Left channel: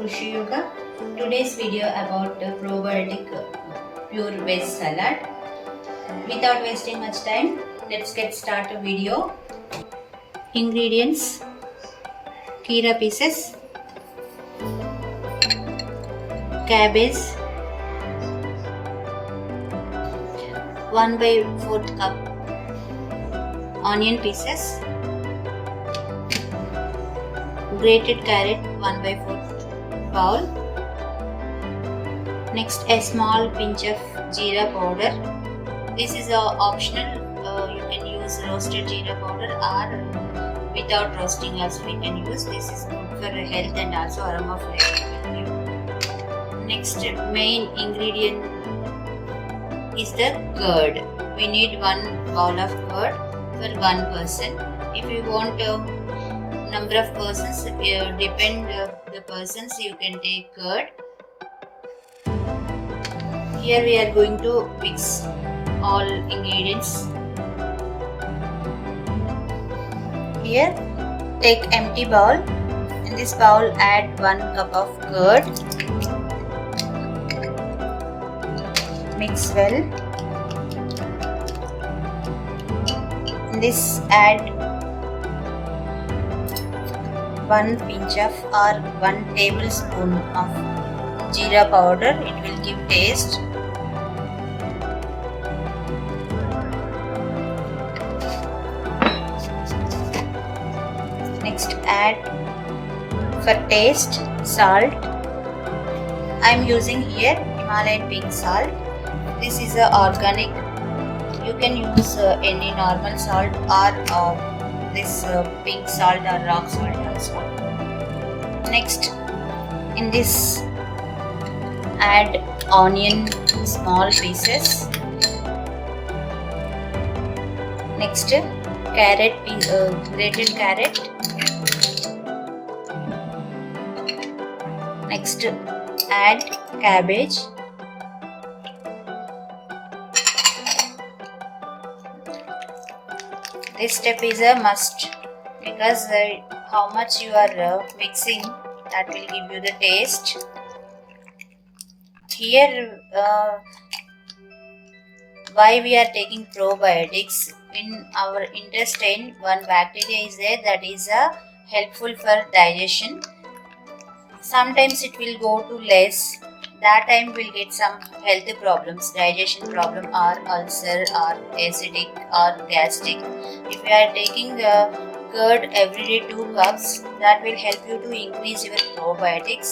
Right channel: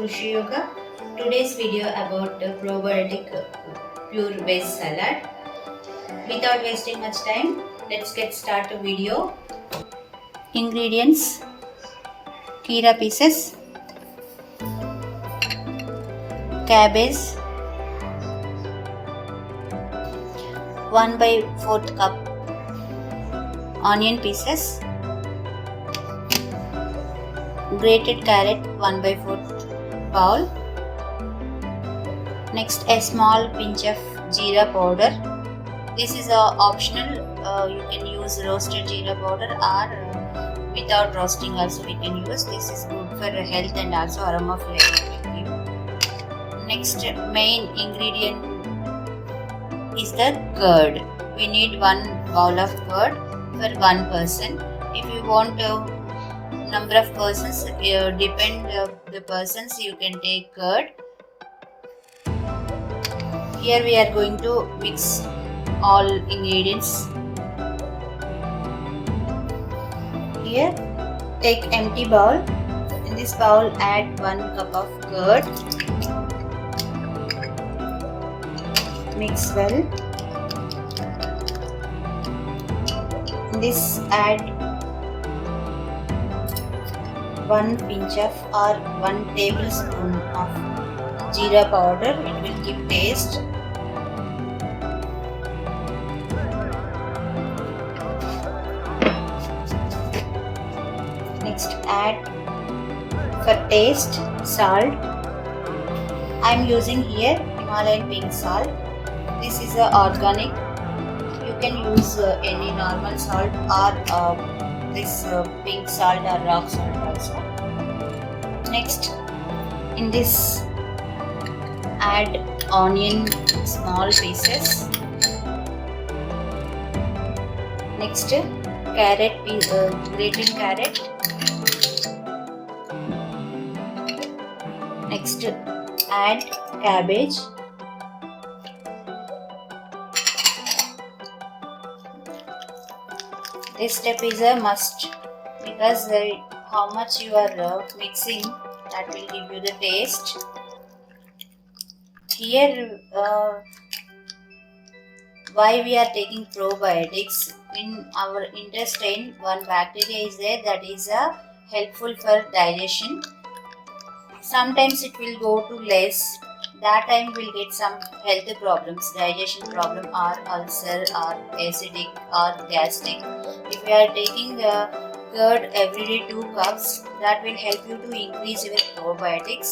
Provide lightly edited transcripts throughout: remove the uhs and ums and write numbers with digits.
Rusheeyoga. Today's video about the probiotic pure veg salad. Without wasting much time, let's get started video. Ingredients: kefir pieces, cabbage, 1/4 cup onion pieces, grated carrot 1/4 bowl. Next, a small pinch of jeera powder. This is optional. You can use roasted jeera powder or without roasting also we can use. This is good for health and also aroma flavor. Next, main ingredient is the curd. We need 1 bowl of curd for 1 person. If you want number of persons, depend the persons, you can take curd. Here we are going to mix all ingredients. Here, take empty bowl. In this bowl, add 1 cup of curd. Mix well. In this, add 1 pinch of or 1 tablespoon of jeera powder. It will give taste. Next, add for taste salt. I am using here Himalayan pink salt. This is organic. You can use any normal salt or this pink salt or rock salt also. Next, in this, add onion small pieces. Next, carrot, grated carrot. Next, add cabbage. This step is a must because how much you are mixing, that will give you the taste. Here, why we are taking probiotics? In our intestine, one bacteria is there that is helpful for digestion. Sometimes it will go to less. That time we'll get some health problems, digestion problem or ulcer or acidic or gastric. If you are taking the curd every day 2 cups, that will help you to increase your probiotics.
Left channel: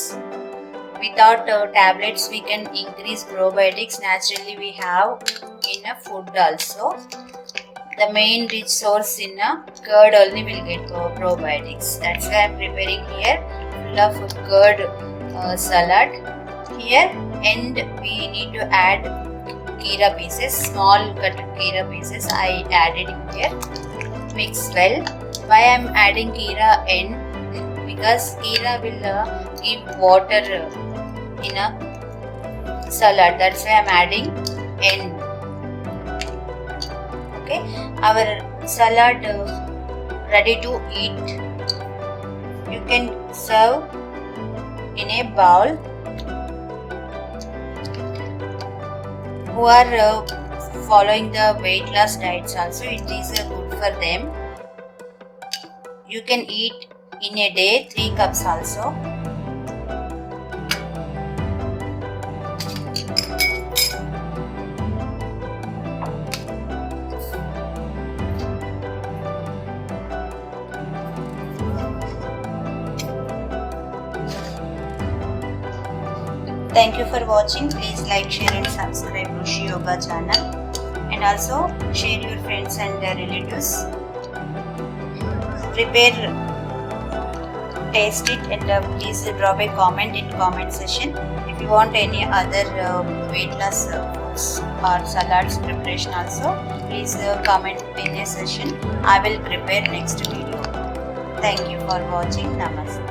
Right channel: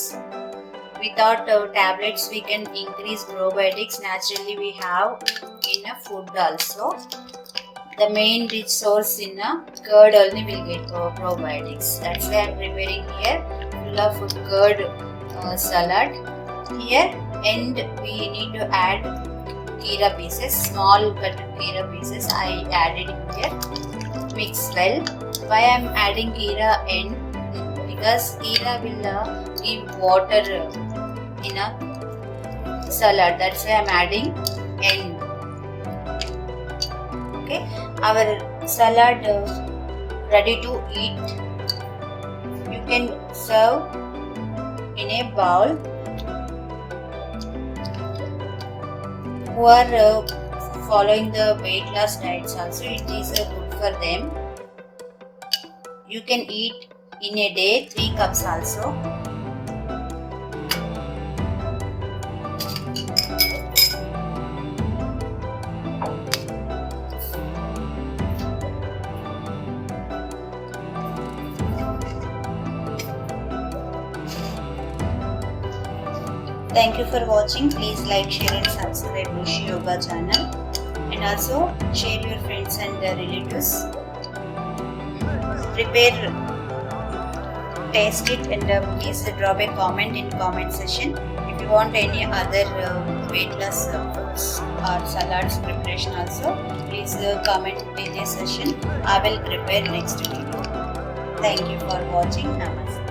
Without tablets, we can increase probiotics. Naturally, we have in a food also. The main rich source in a curd only will get probiotics. That's why I am preparing here full of curd salad. Here, and we need to add kefir pieces, small cut kefir pieces. I added here. Mix well. Why I am adding kefir in? Because kefir will give water in a salad. That's why I am adding in. Okay, our salad ready to eat. You can serve in a bowl. Who are following the weight loss diets also, it is good for them. You can eat in a day 3 cups also. Thank you for watching. Please like, share and subscribe Rusheeyoga channel, and also share your friends and relatives. Prepare, taste it, and please drop a comment in comment section. If you want any other weight loss foods or salads preparation also, please comment in this session. I will prepare next video. Thank you for watching. Namaste.